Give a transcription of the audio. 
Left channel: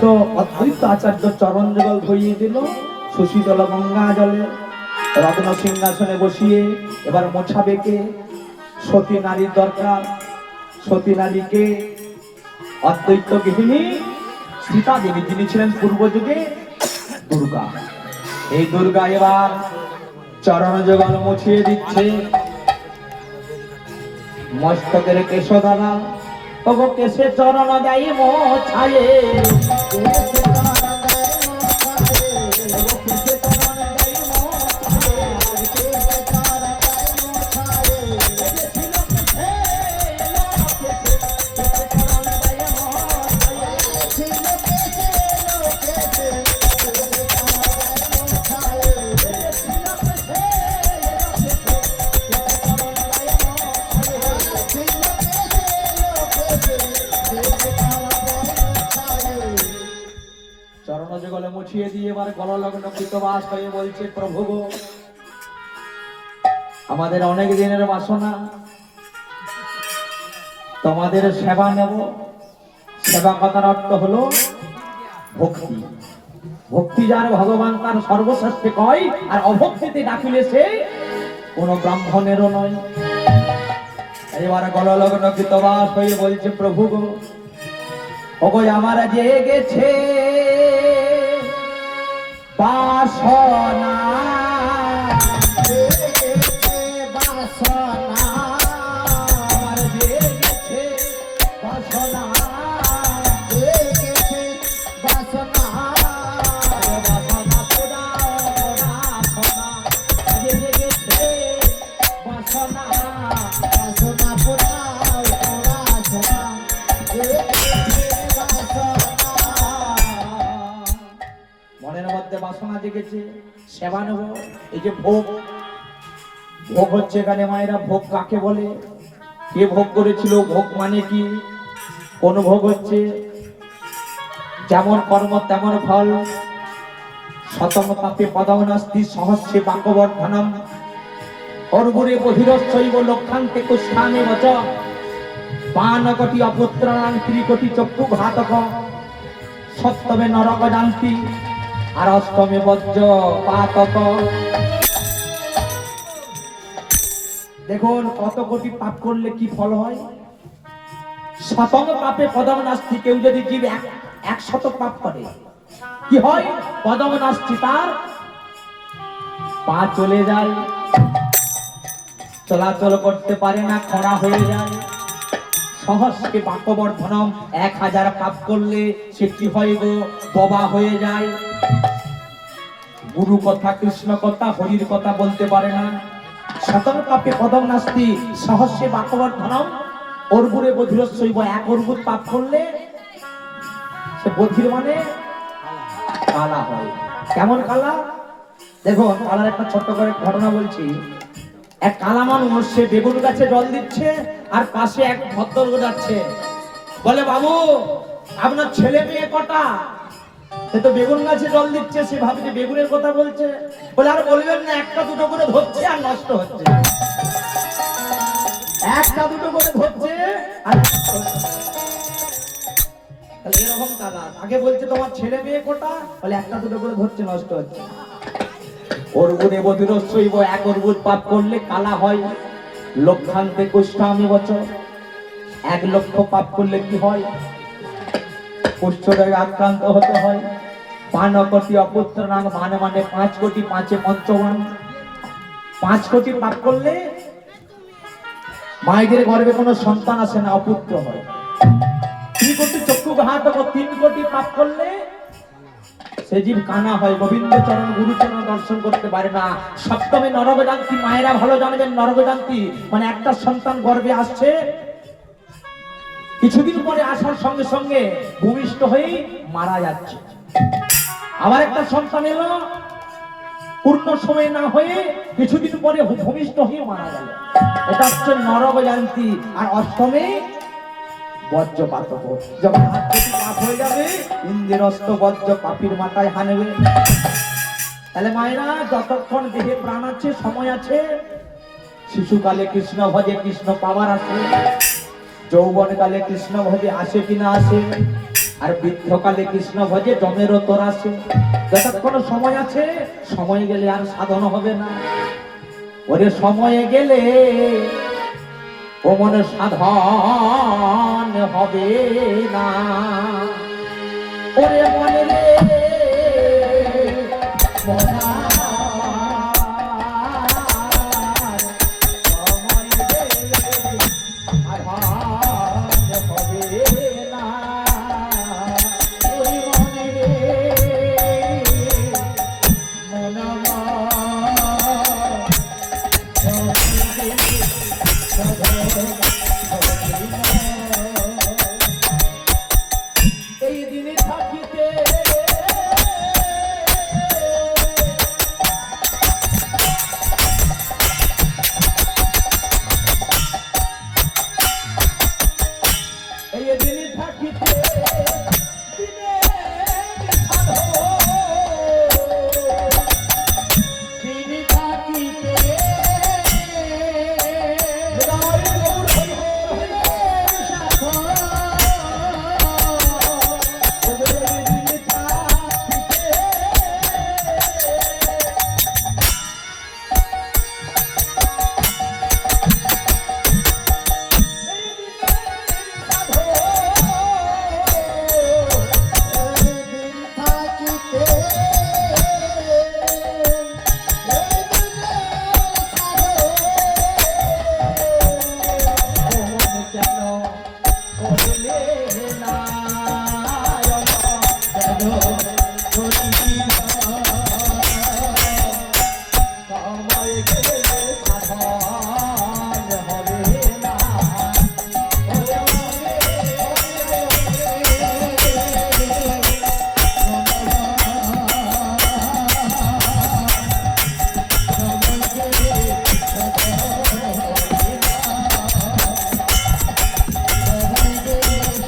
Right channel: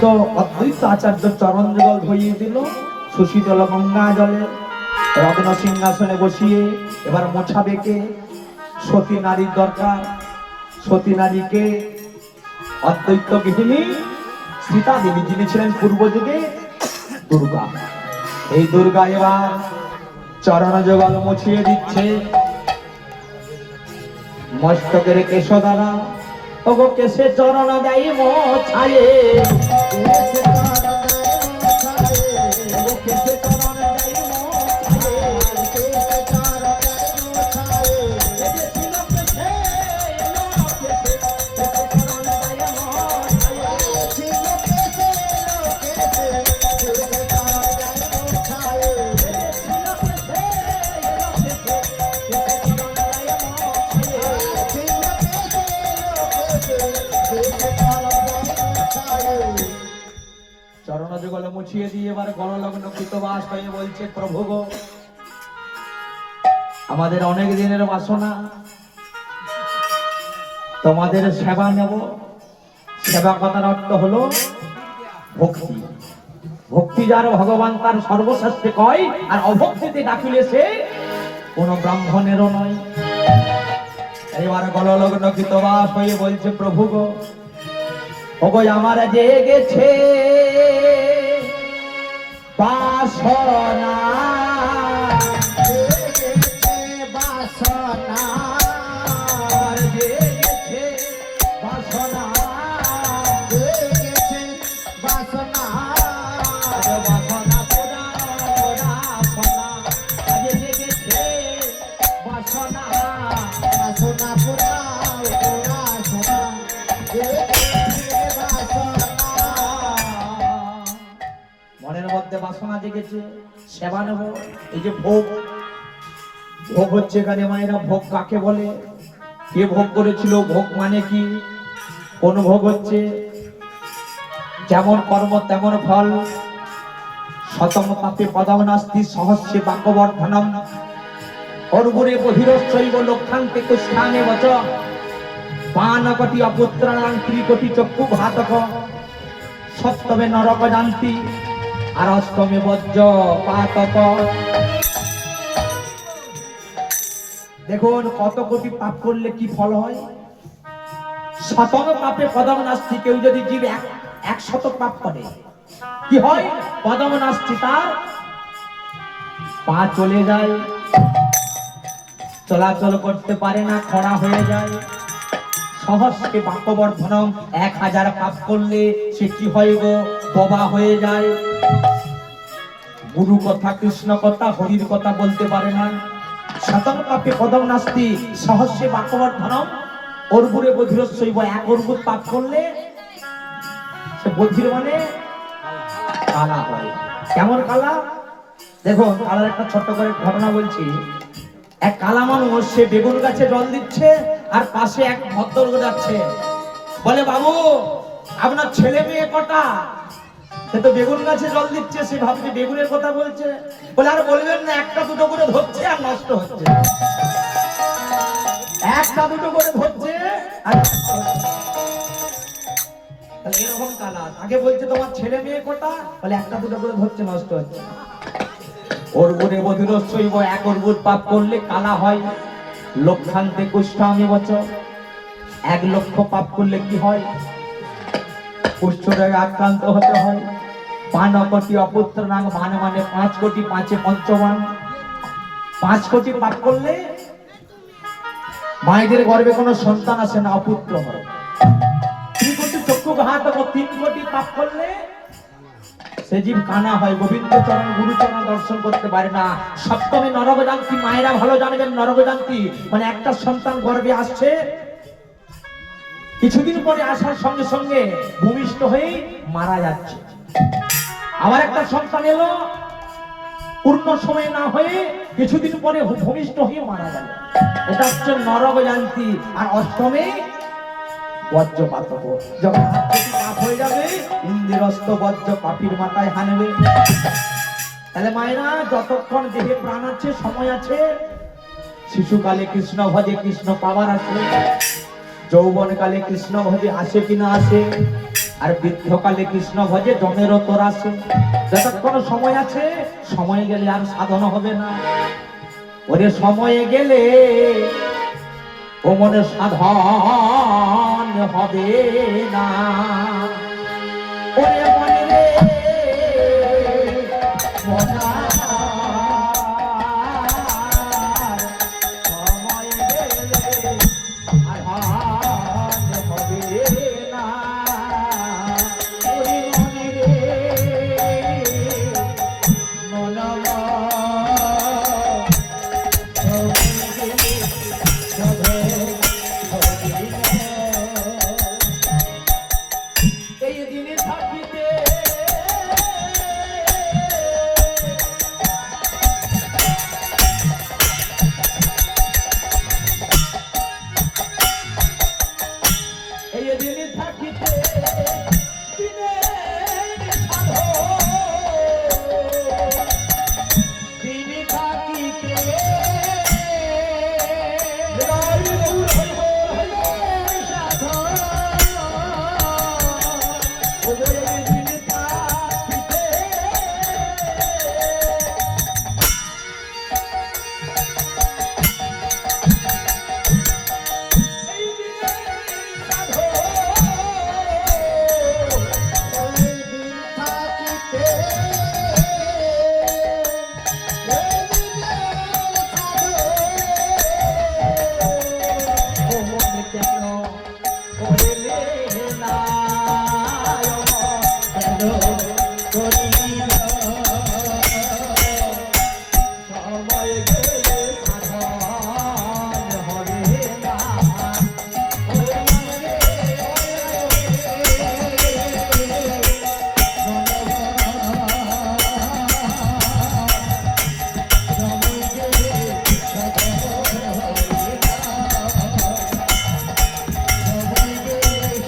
তো অদ্বৈত আচার্য চরণ যুগল ধরিয়ে দিল সুশীতল গঙ্গা জলে রত্ন সিংহাসনে বসিয়ে। এবার মোছাবে কে? সতী নারীর দরকার। সতী নারীকে অদ্বৈত গৃহিণী সীতা দেবী, যিনি ছিলেন পূর্ব যুগে দুর্গা। এই দুর্গা এবার চরণ যুগল মুছিয়ে দিচ্ছে মস্তকের কেশ দ্বারা। তবু কেশে চরণ যাই মোছায়ে, চরণ যুগলে মুছিয়ে দিয়ে এবার গললগ্ন কৃতবাস হয়ে বলছে, প্রভু গো, আমাদের অনেক দিনের বাসনা, তোমাদের সেবা নেব। সেবা কথার অর্থ হলো ভক্তি। ভক্তি যার ভগবান তার সর্বশ্রেষ্ঠে কয়, আর অভক্তিতে ডাকিলে সে কোন ব্রাহ্মণেরও নয়। এবার গললগ্ন কৃতবাস হয়ে বলছে, প্রভু গো, ওগো আমার জেগেছে বাসনা, বাসনা জেগেছে, সেবা নেব। এই যে ভোগ, ভোগ হচ্ছে এখানে মায়েরা। ভোগ কাকে বলে? কে ভোগ করেছিল? ভোগ মানে কি? কোন ভোগ হচ্ছে? যেমন কর্ম তেমন ফল। শতম পাপে পদম নাস্তি সহস্রে বাক্যবর্ধনম অর্গুরে বহিরশ্চৈব লক্ষান্তে কুষ্ণানে বচ বানকটি অপুত্রাণাং ত্রিকোটি চক্ষু ঘাতক সপ্তমে নরক জান্তি আর অষ্টমে বজ্র পাতক। দেখুন কত কোটি পাপ করলে কি ফল হয়। শতম পাপে পদম নাস্তি। কেউ যদি জীব 100 পাপ করে কি হয়? পদম নাস্তি, তার পা চলে যায়, চলাচল করতে পারে না, খরা হয়ে যায়। সহস্রকে বাক্যবর্ধনম, 1000 পাপ করলে সে কি হয় গো? বোবা হয়ে যায়। গুরু কথা, কৃষ্ণ কথা, হরির কথা বলতে পারে না। শতম পাপে পদম নাস্তি সহস্রে বাক্যবর্ধনম অর্বুরে বধিরস্যৈব। 1 অর্বুদ পাপ করলে সে বধির মানে কালা হয়। কেমন কালা? দেখুন কালার একটা ছোট্ট করে ঘটনা বলছি। এক কালা মানুষ, সে বেগুন গাছে জল দিচ্ছে, আর পাশে এক ভদ্রলোক যাচ্ছে। বলে, বাবু আপনার ছেলে মেয়ে কটা? সে তো বেগুন গাছে জল দিচ্ছে, সে ভাবছে বেগুনের কথা বলছে। বলে, আর বলবেন না, একটা দুটো করে ধরছে আর নষ্ট হচ্ছে। একটা দুটো করে ধরছে আর নষ্ট হচ্ছে। তাহলে এরকম কালা। আগে বলছে তোমার ছেলে মেয়ে কটা? বলে, একটা দুটো করে ধরছে, নষ্ট হচ্ছে। অর্বুরে বধিরস্যৈব, 1 অর্বুদ পাপ করলে কালা হয়। লক্ষান্তে কুষ্ঠামি বচন, 1 লক্ষ পাপ করলে কি হয়? কুষ্ঠরোগে আক্রান্ত হতে হয়। 5 কোটি অপুত্রাণাং, মানে 5 কোটি, 5 পঞ্চবান। 5 কোটি পাপ করলে মায়েদের গর্ভে কোনো সন্তান আসে না, অপুত্র হয়। 3 কোটি চক্ষু ঘাতক, 3 কোটি পাপ করলে সে জীব কানা হয়, গোবিন্দ চরণ গুরু চরণ দর্শন করতে পারে না। সপ্তমে নরক জান্তি। মায়েরা ভালো জানবেন, নরক জান্তি মানে একটা সন্তান গর্ভে আসছে, কিছুদিন পরে আসার সঙ্গে সঙ্গে ভূমিষ্ঠ হয়ে মারা যাচ্ছে। আবার একটা সন্তান এলো, পূর্ণ সময় না হয়ে কিছুদিন পরে ভূমিষ্ঠ হয়ে মারা গেল। এটা হচ্ছে নরক জান্তি। আর অষ্টমে বজ্রপাতক, যখন পাপ হয়ে যাবে, ইন্দ্রস্ত বজ্র পাপির মাথায় হানবে। তাহলে মায়েরা, যতক্ষণ দেহে প্রাণ আছে, সময় আছে, শিশুকালে কৃষ্ণ ভজে, কৃষ্ণ পাওয়ার আছে। যৌবন কালে কৃষ্ণ ভজে, আসে কিনা আসে। আর বৃদ্ধকালে কৃষ্ণ ভজে জমেরও তোর আছে। যতক্ষণ সময় আছে, সময় গেলে আর সাধন হবে না। ওরে সময়ে গেলে ও মনে সাধন হবে না। ওরে মনে রে মনা, সময় গেলে সাধন হবে না। ওরে মনে রে মনা, এই দিনে থাকিতে এই দিনে থাকিতে দিনে থাকিতে Oh,